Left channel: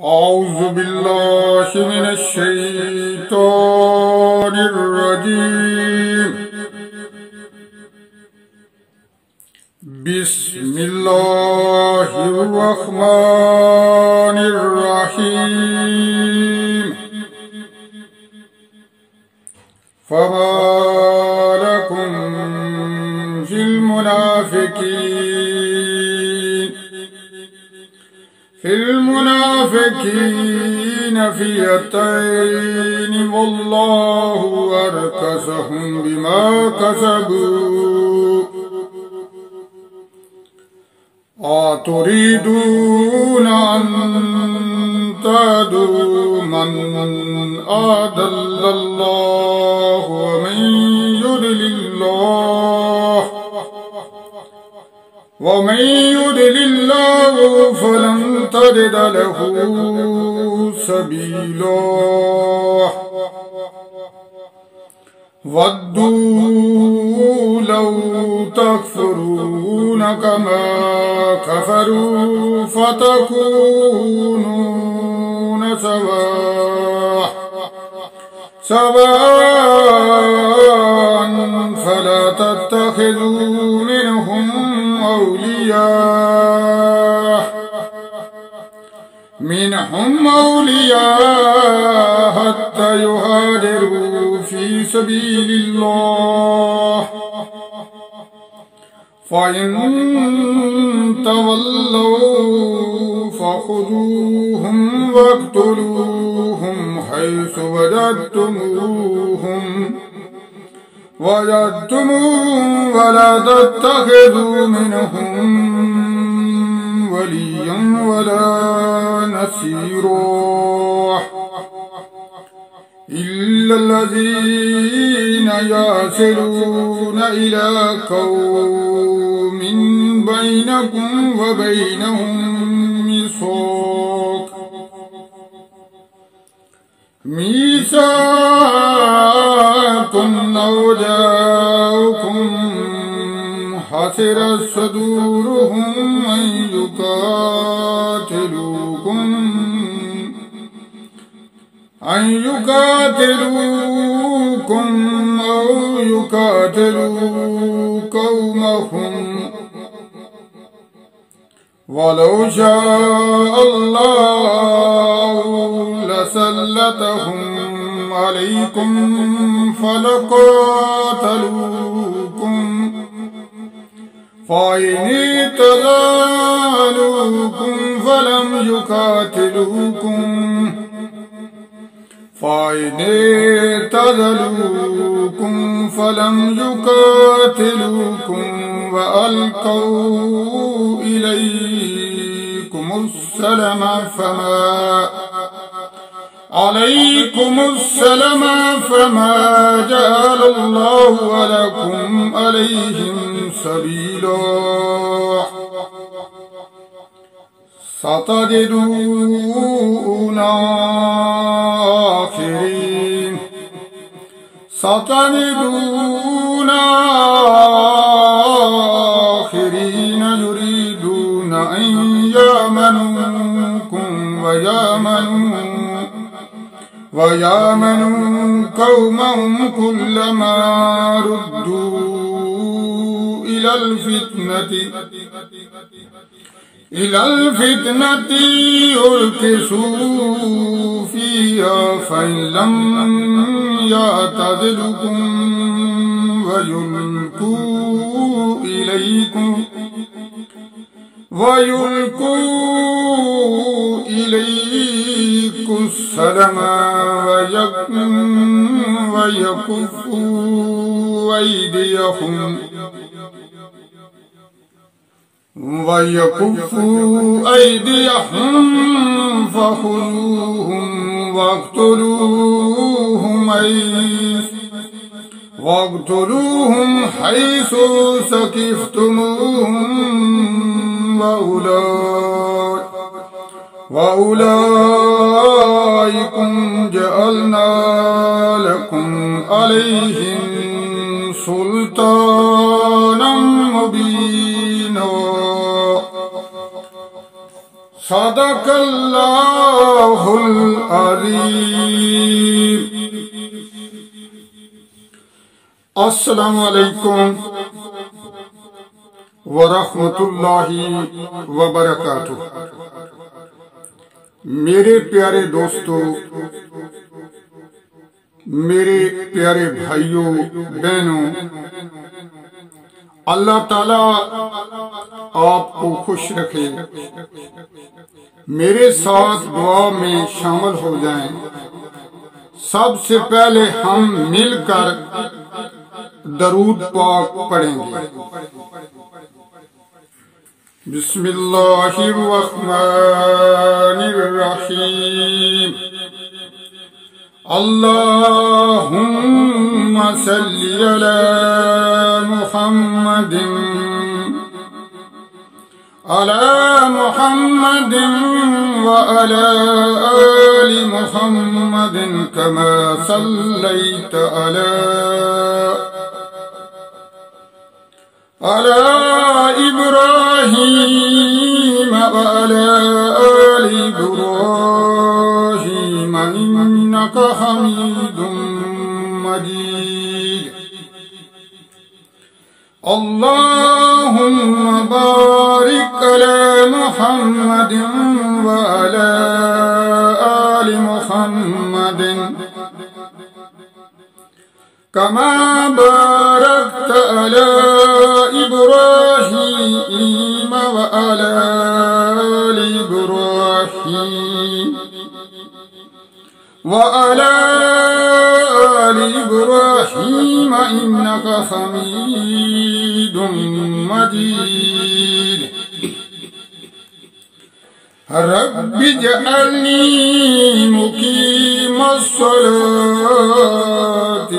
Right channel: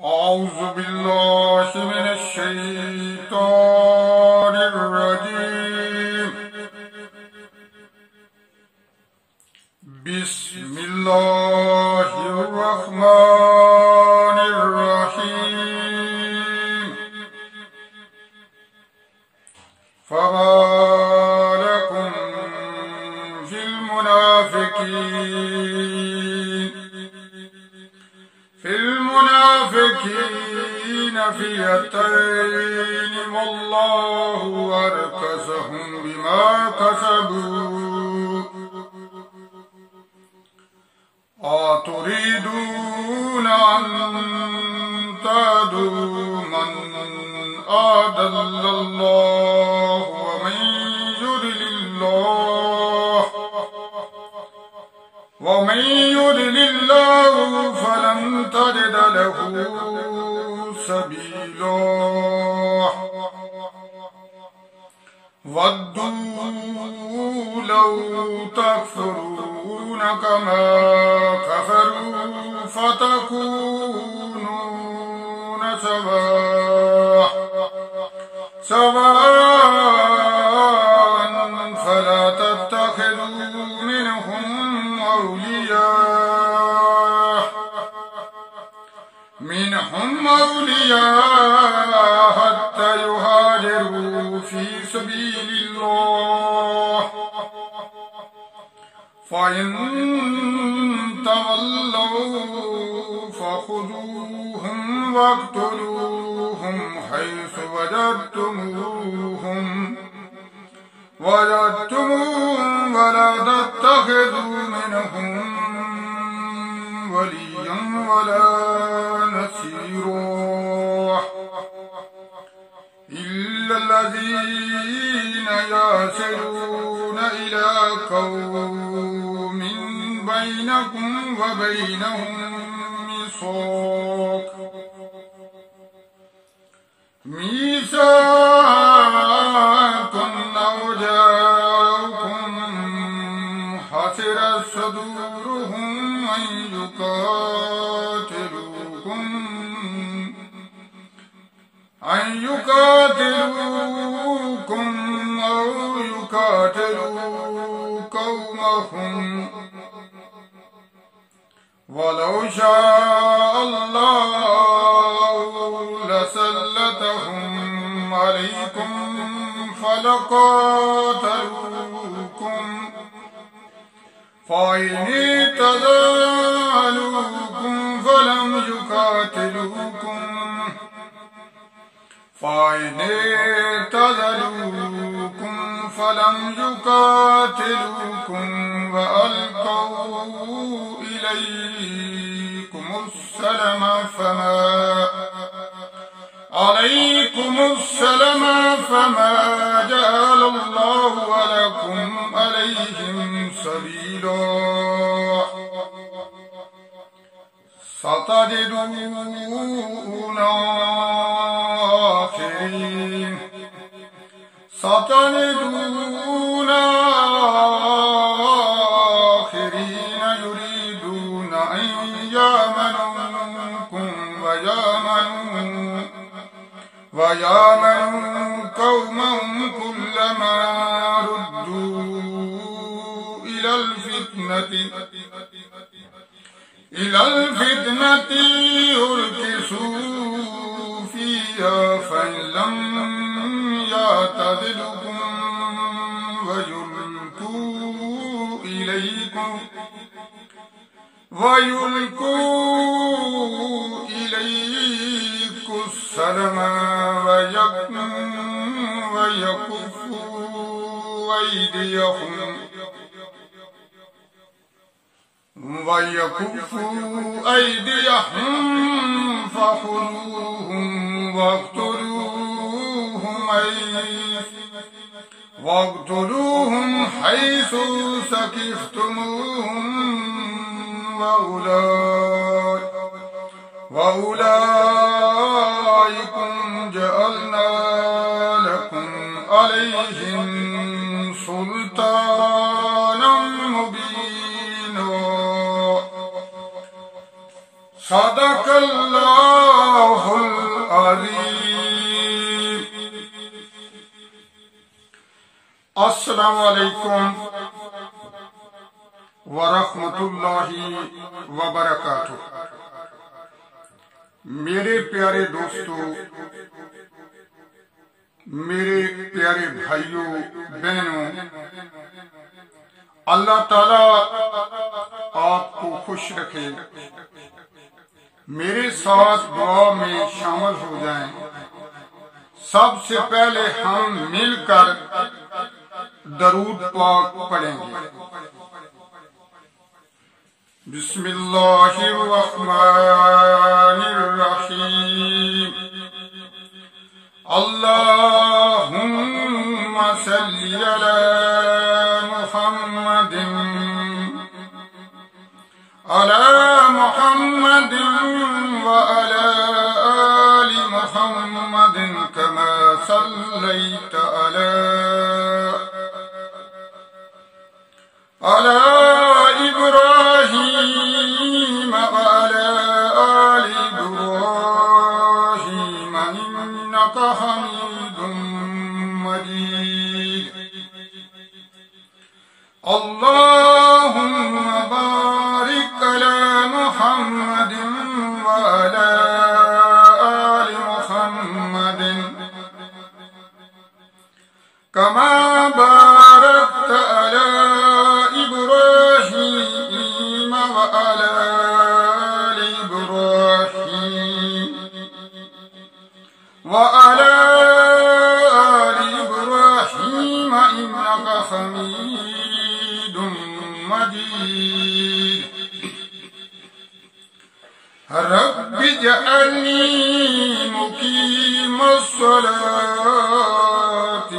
أعوذ بالله من الشيطان الرجيم. بسم الله الرحمن الرحيم. فما لكم في المنافقين فئتين والله أركسهم بما كسبوا أتريدون أن تهدوا من أضل الله ومن يضلل الله فلن تجد له سبيلا. ودوا لو تكفرون كما كفروا فتكونون سواء فلا تتخذوا منهم أولياء حتى يهاجروا في سبيل الله، فإن تولوا فخذوهم واقتلوهم حيث وجدتموهم ولا تتخذوا منهم وليا ولا نصيرا إلا الذين يصلون إلى قوم بينكم وبينهم ميثاق أو جاءكم حسرت صدورهم أن يقاتلوكم أو يقاتلوا قومهم، ولو شاء الله لسلطهم عليكم فلقاتلوكم، فإن اعتزلوكم فلم يقاتلوكم وألقوا إليكم السلم فما جعل الله لكم عليهم سبيلا. ستجدون آخرين يريدون أن يأمنوكم ويأمنوا قومهم كلما ردوا إلى الفتنة يركسوا فيها، فإن لم يعتزلكم ويلقوا إليكم السلم ويكفوا أيديهم فخذوهم واقتلوهم حيث ثقفتموهم، وأولئكم جعلنا لكم عليهم سلطانا مبينا. सदकल्लाहुल अज़ीम। अस्सलामु अलैकुम व रहमतुल्लाहि व बरकातुहू। मेरे प्यारे दोस्तों, मेरे प्यारे भाइयों बहनों, अल्लाह ताला आपको खुश रखे। मेरे साथ दुआ में शामिल हो जाएं। सबसे पहले हम मिलकर दरूद पाक पढ़ेंगे। बिस्मिल्लाहिर्रहमानिर्रहीम। अल्लाहुम्मा सल्ली अला मुहम्मदिन व अला आलि मुहम्मदिन कमा सल्लैत अला इब्राहीम व अला आलि इब्राहीम इन्नका हमीदुम मजीद। अल्लाहुम्मा बारिक अला मुहम्मदिन व अला आलि मुहम्मदिन कमा बारकत अला इब्राहीम व अला आलि इब्राहीम व अला आलि इब्राहीम इन्नका हमीदुम मजीद। रब्बि जअलनी मुकीमस्सलाति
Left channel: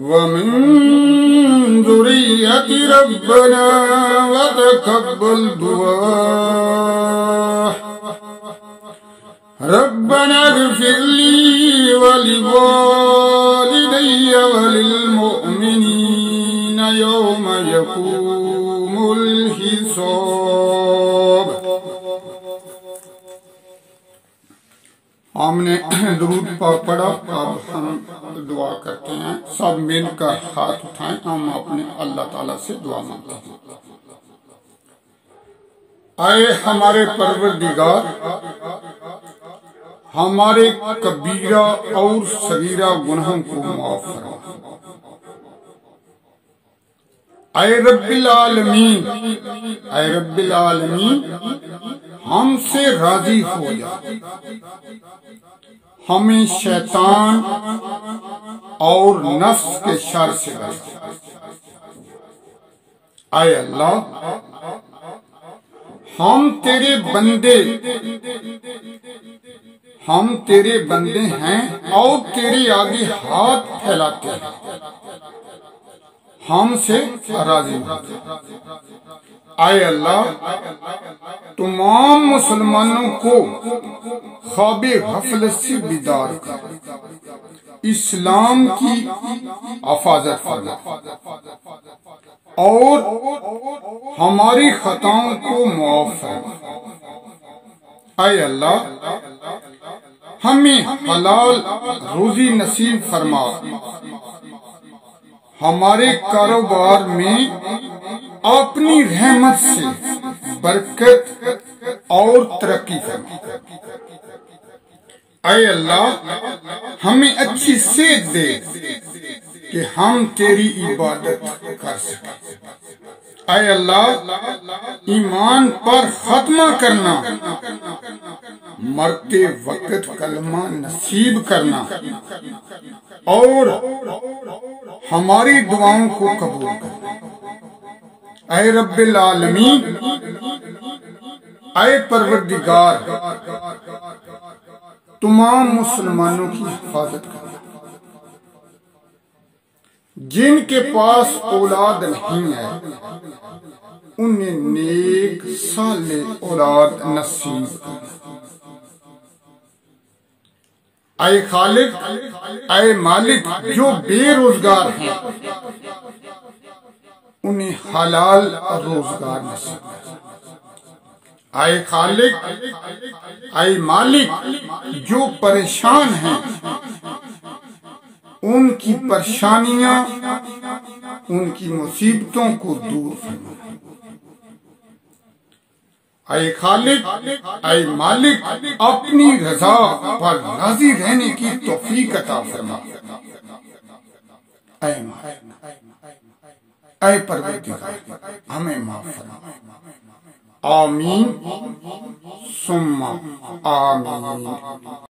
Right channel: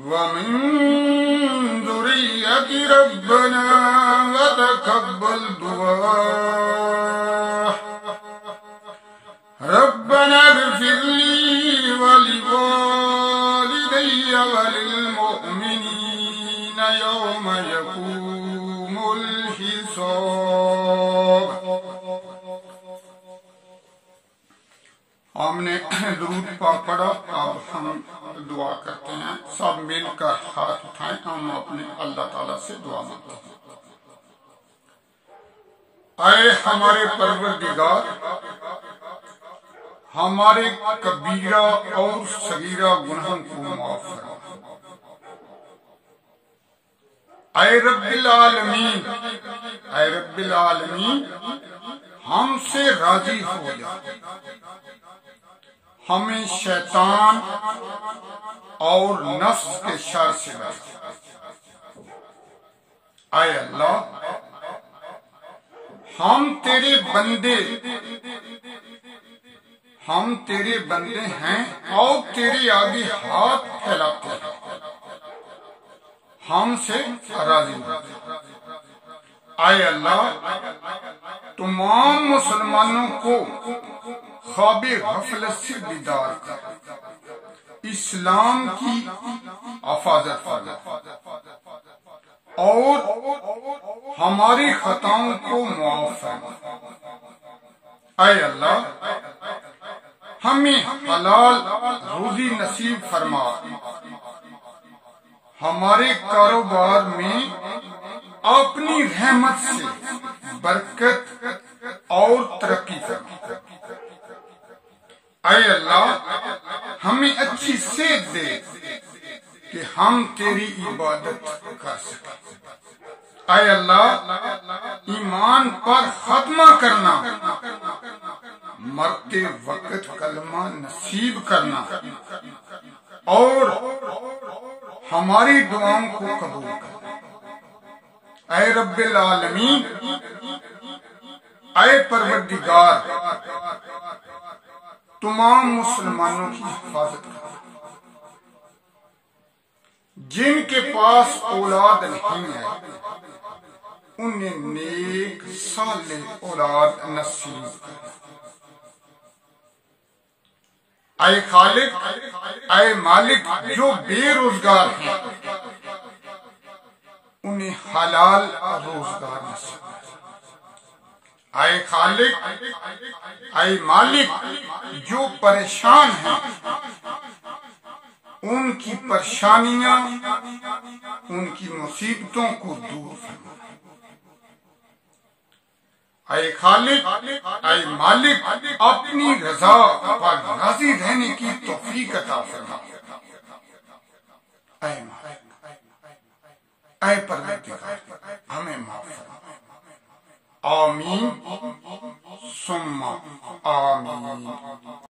व मिन ज़ुर्रिय्यति रब्बना व तक़ब्बल दुआ। रब्बना इग़फ़िर ली व लिवालिदैय व लिलमुअ्मिनीना यौम यक़ूमुल हिसाब। हमने दुरूद पढ़ा, अब हम दुआ करते हैं। सब मिलकर हाथ उठाएं, हम अपने अल्लाह ताला से दुआ मांगते हैं। आए हमारे परवरदिगार, हमारे कबीरा और सगीरा गुनाहों को माफ करो। आए रब्बिल आलमीन, आए रब्बिल आलमीन, हमसे राजी हो जा। हमें शैतान और नफ्स के शर से बचा। आए अल्लाह, हम तेरे बंदे हैं और तेरे आगे हाथ फैलाते हैं। हमसे राजी हो। आए अल्लाह, तमाम मुसलमानों को ख्वाबे गफलत से बीदार कर, इस्लाम की हिफाजत फरमा और हमारी खताओं को माफ फरमा। आए अल्लाह, हमें हलाल रोजी नसीब फरमा। हमारे कारोबार में अपनी रहमत से बरकत और तरक्की फरमा। आए अल्लाह, हमें अच्छी सेहत दे कि हम तेरी इबादत कर सकें। आए अल्लाह, ईमान पर खत्मा करना, मरते वक्त कलमा नसीब करना और हमारी दुआओं को कबूल करना। ऐ रब्बिल आलमीन, ऐ परवरदिगार, तमाम मुसलमानों की हिफाजत कर। जिनके पास औलाद नहीं है उन्हें नेक साले औलाद नसीब कर। ऐ खालिक, ऐ मालिक, जो बेरोजगार हैं उन्हें हलाल रोजगार नसीब कर। आए खालिक, आए मालिक, जो परेशान हैं उनकी परेशानियां, उनकी मुसीबतों को दूर फरमा। आए खालिक, आए मालिक, अपनी रजा पर राजी रहने की तौफीक अता फरमा। ऐ परवरदिगार, हमें माफ फरमा। आमीन सुम्मा आमीन।